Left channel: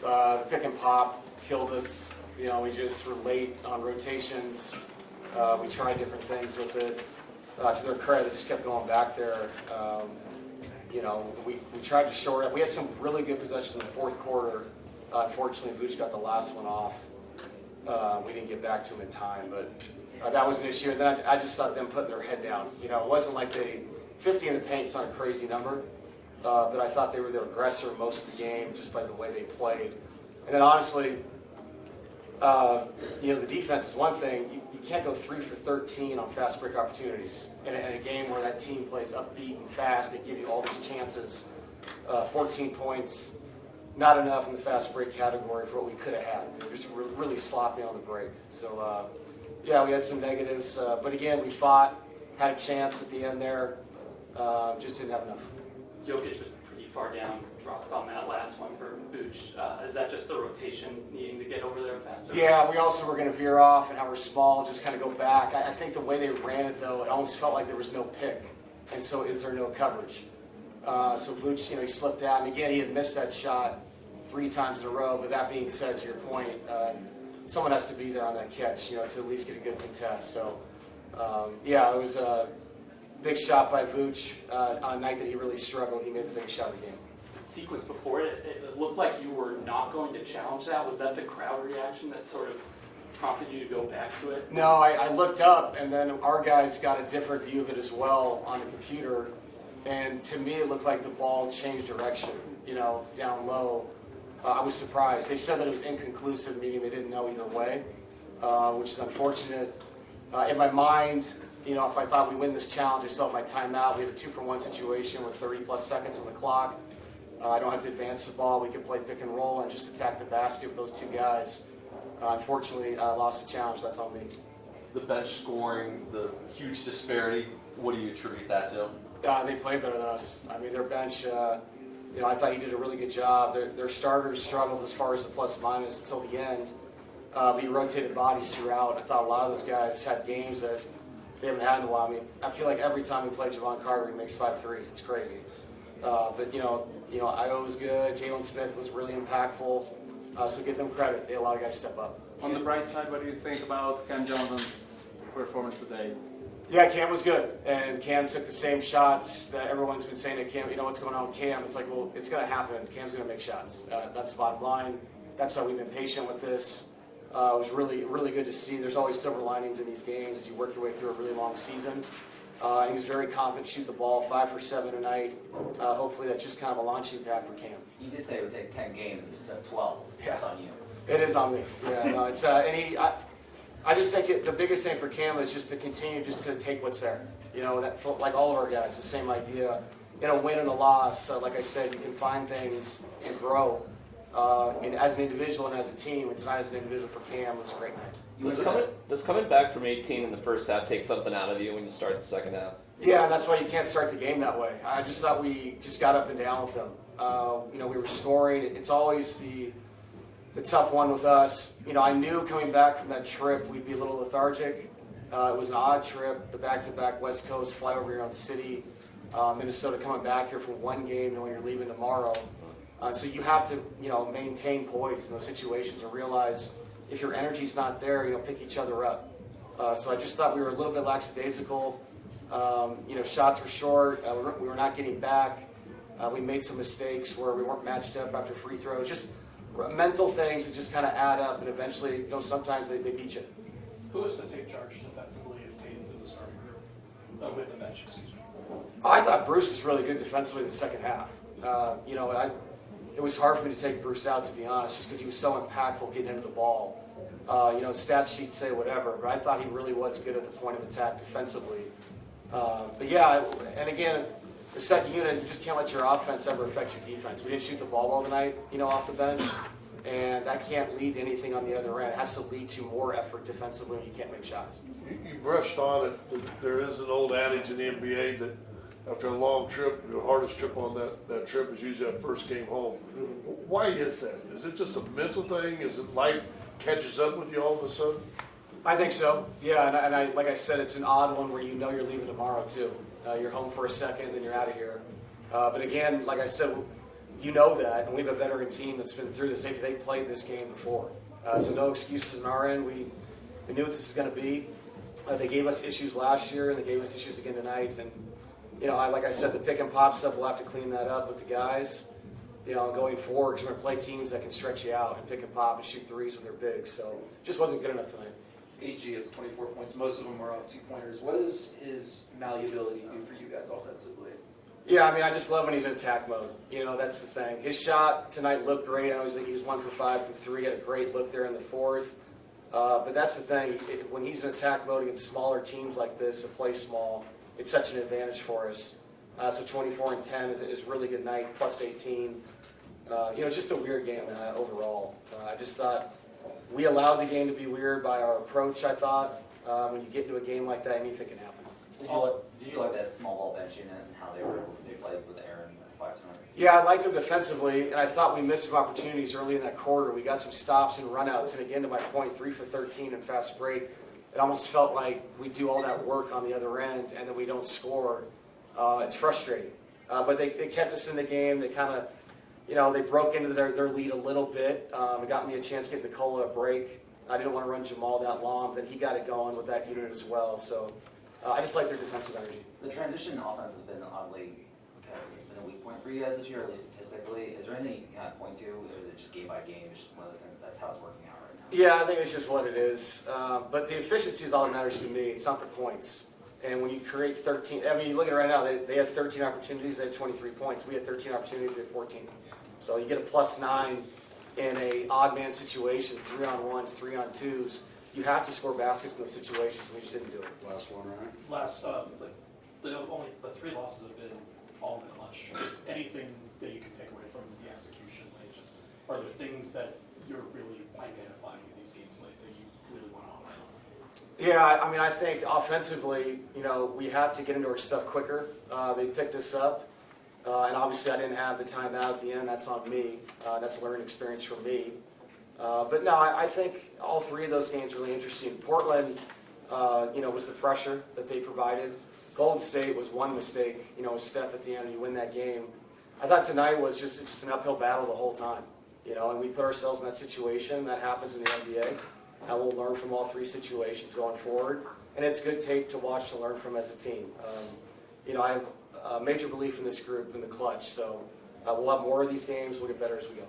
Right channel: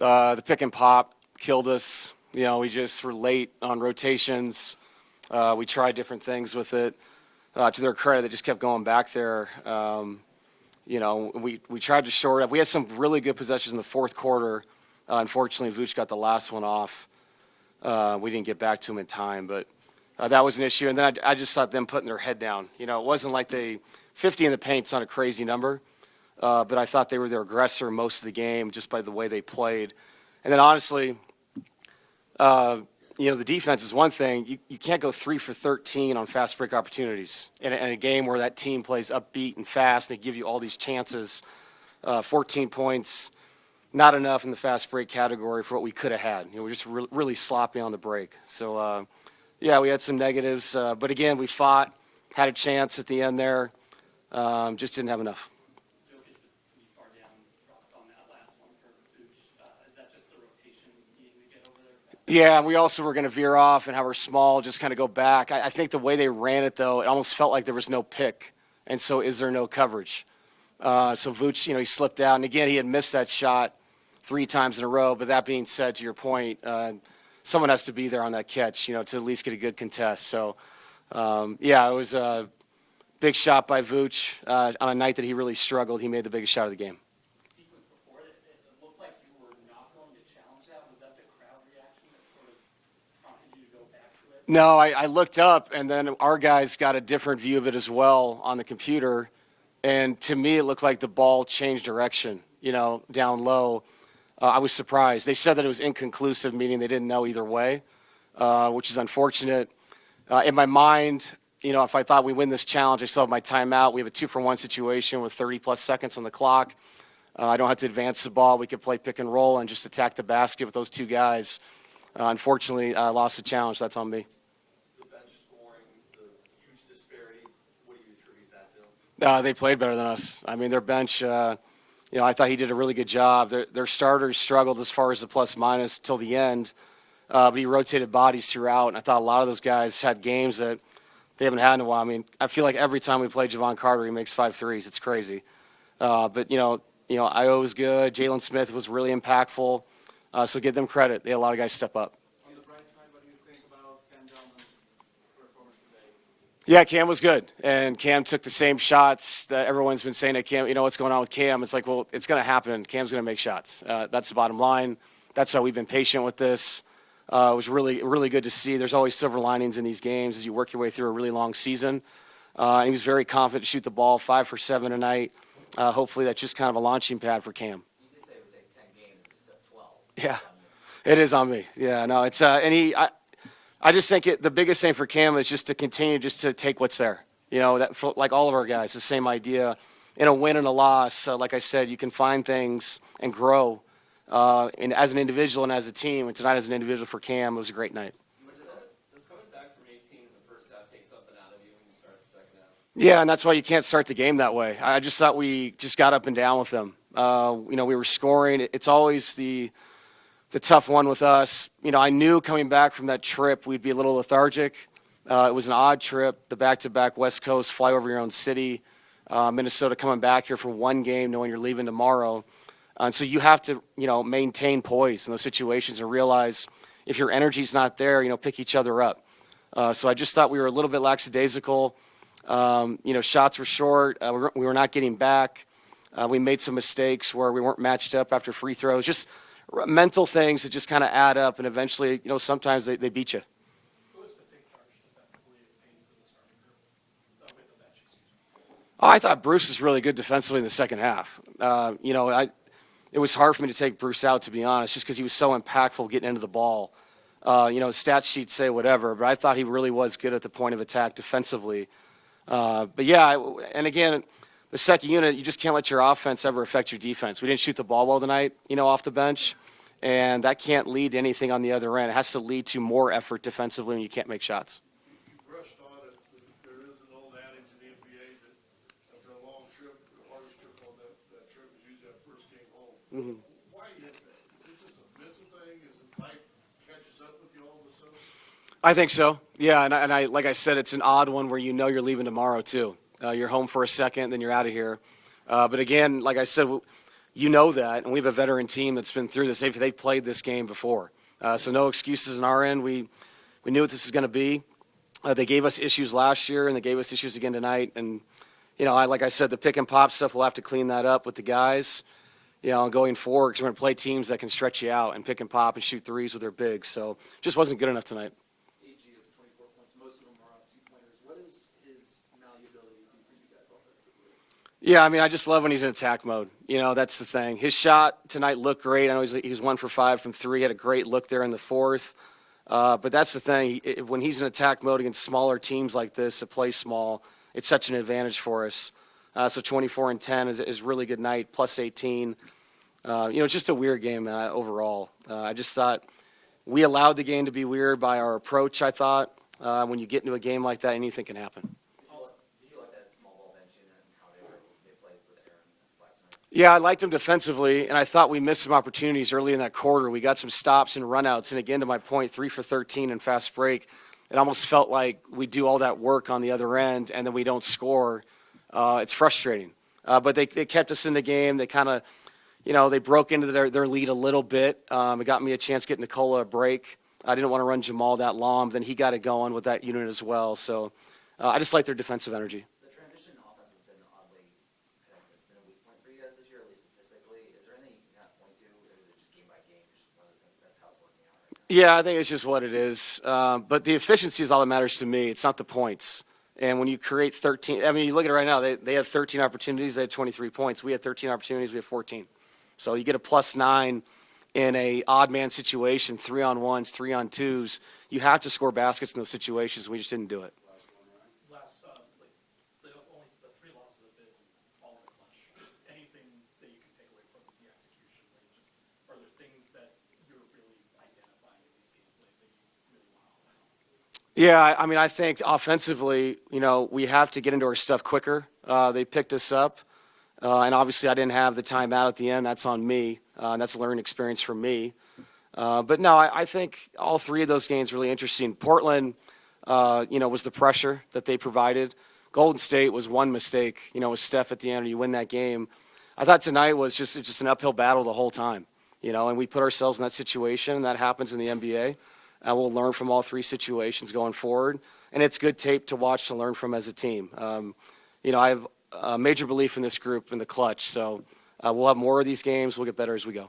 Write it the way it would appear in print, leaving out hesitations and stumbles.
The pick and pop killed us. You know, we just were late on rotations. We tried different things with it. To their credit, they just kept going back there. You know, we tried to shore up. We had some really good possessions in the fourth quarter. Unfortunately, Vooch got the last one off. We didn't get back to him in time, but that was an issue. And then I just thought them putting their head down. You know, it wasn't like 50 in the paint's not a crazy number, but I thought they were their aggressor most of the game just by the way they played. And then honestly, you know, the defense is one thing. You can't go 3 for 13 on fast break opportunities in a game where that team plays upbeat and fast. They give you all these chances. 14 points, not enough in the fast break category for what we could have had. You know, we're just really sloppy on the break. So, yeah, we had some negatives. But again, we fought, had a chance at the end there, just didn't have enough. Jokic was pretty far down, dropped on that last one for Vooch. Is that just the rotation needing to get over there faster? Yeah, we also were going to veer off and how we're small, just kind of go back. I think the way they ran it, though, it almost felt like there was no pick. And so is there no coverage? So Vooch, you know, he slipped out. And again, he had missed that shot 3 times in a row. But that being said, to your point, someone has to be there on that catch, you know, to at least get a good contest. So, yeah, it was a big shot by Vooch. On a night that he really struggled, he made the biggest shot of the game. The sequence before it looked like you were not going to challenge that. Was that the crowd reaction that sort of prompted you to go back to it? No, I looked up, and then our guys got a different view of it as well on the computer. And to me, it looked like the ball changed direction, you know, down low. I was surprised. They said that it was inconclusive, meaning they didn't know either way, which is unfortunate. In my mind, you know, if I thought we win this challenge, I still have my timeout. We have a 2-for-1 situation with 30-plus seconds on the clock. I don't have to advance the ball. We could play pick and roll and just attack the basket with those 2 guys. Unfortunately, I lost the challenge. That's on me. The bench scoring, the huge disparity, what do you attribute that to? They played better than us. I mean, their bench, you know, I thought he did a really good job. Their starters struggled as far as the plus-minus till the end, but he rotated bodies throughout. I thought a lot of those guys had games that they haven't had in a while. I mean, I feel like every time we play Javon Carter, he makes 5 threes. It's crazy. But, you know, Io was good. Jalen Smith was really impactful. So give them credit. They had a lot of guys step up. On the bright side, what do you think about Cam Johnson's performance today? Yeah, Cam was good. And Cam took the same shots that everyone's been saying to Cam. You know, what's going on with Cam? It's like, well, it's going to happen. Cam's going to make shots. That's the bottom line. That's why we've been patient with this. It was really, really good to see. There's always silver linings in these games as you work your way through a really long season. He was very confident to shoot the ball, 5 for 7 tonight. Hopefully that's just kind of a launching pad for Cam. You did say it would take 10 games, but it's at 12. So Yeah. it's on you. It is on me. Yeah, no, it's I just think the biggest thing for Cam is just to continue just to take what's there. You know, that like all of our guys, the same idea. In a win and a loss, like I said, you can find things and grow. And as an individual and as a team, and tonight as an individual for Cam, it was a great night. Does coming back from 18 in the first half take something out of you when you start the second half? Yeah, and that's why you can't start the game that way. I just thought we just got up and down with them. You know, we were scoring. It's always the tough one with us. You know, I knew coming back from that trip we'd be a little lethargic. It was an odd trip, the back-to-back West Coast, fly over your own city, Minnesota, coming back here for one game knowing you're leaving tomorrow. And so you have to, you know, maintain poise in those situations and realize if your energy's not there, you know, pick each other up. So I just thought we were a little bit lackadaisical. You know, shots were short. We were not getting back. We made some mistakes where we weren't matched up after free throws. Just mental things that just kind of add up, and eventually, you know, sometimes they beat you. Who is to take charge defensively if Tatum's in the starting group? With the bench, excuse me. I thought Bruce was really good defensively in the second half. You know, it was hard for me to take Bruce out, to be honest, just because he was so impactful getting into the ball. You know, stat sheets say whatever, but I thought he really was good at the point of attack defensively. But yeah, and again, the second unit, you just can't let your offense ever affect your defense. We didn't shoot the ball well tonight, you know, off the bench, and that can't lead to anything on the other end. It has to lead to more effort defensively when you can't make shots. You brushed on it. There is an old adage in the NBA that after a long trip, the hardest trip on that trip is usually that first game home. Mm-hmm. Why is that? Is it just a mental thing? Is it life catches up with you all of a sudden? I think so. Yeah, and I like I said, it's an odd one where you know you're leaving tomorrow too. You're home for a second, then you're out of here. But again, like I said, you know that, and we have a veteran team that's been through this. They've played this game before. So no excuses on our end. We knew what this is going to be. They gave us issues last year, and they gave us issues again tonight. And, like I said, the pick and pop stuff, we'll have to clean that up with the guys, going forward, because we're going to play teams that can stretch you out and pick and pop and shoot threes with their bigs. So just wasn't good enough tonight. AG has 24 points. Most of them are off 2-pointers. What does his malleability do for you guys offensively? Yeah, I just love when he's in attack mode. That's the thing. His shot tonight looked great. I know he was 1 for 5 from 3. Had a great look there in the fourth. But that's the thing. When he's in attack mode against smaller teams like this that play small, it's such an advantage for us. So 24 and 10 is a really good night, plus 18. It's just a weird game overall. I just thought we allowed the game to be weird by our approach, I thought. When you get into a game like that, anything can happen. Did you like that small ball bench unit and how they played with Aaron at 5 tonight? Yeah, I liked him defensively, and I thought we missed some opportunities early in that quarter. We got some stops and runouts, and again, to my point, 3 for 13 in fast break. It almost felt like we do all that work on the other end, and then we don't score. It's frustrating. But they kept us in the game. They kind of, they broke into their lead a little bit. It got me a chance to get Nicola a break. I didn't want to run Jamal that long, but then he got it going with that unit as well. So I just like their defensive energy. The transition offense has been oddly, it's been a weak point for you guys this year, at least statistically. Is there anything you can kind of point to, or is it just game by game? It's just one of the things, that's how it's working out right now? Yeah, I think it's just what it is. But the efficiency is all that matters to me. It's not the points. And when you create 13, you look at it right now, they had 13 opportunities, they had 23 points. We had 13 opportunities, we had 14. So you get a +9 in a odd man situation, 3-on-1s, 3-on-2s. You have to score baskets in those situations. We just didn't do it. Last, the 3 losses have been all in the clutch. Just anything that you can take away from the execution, are there things that you're really identifying with these teams, that you really want to highlight? Yeah, I think offensively, we have to get into our stuff quicker. They picked us up, and obviously I didn't have the timeout at the end. That's on me. That's a learning experience for me. But no, I think all 3 of those games really interesting. Portland, was the pressure that they provided. Golden State was one mistake, with Steph at the end, and you win that game. I thought tonight was just an uphill battle the whole time, and we put ourselves in that situation, and that happens in the NBA. And we'll learn from all 3 situations going forward, and it's good tape to watch to learn from as a team. I have a major belief in this group in the clutch, so we'll have more of these games. We'll get better as we go.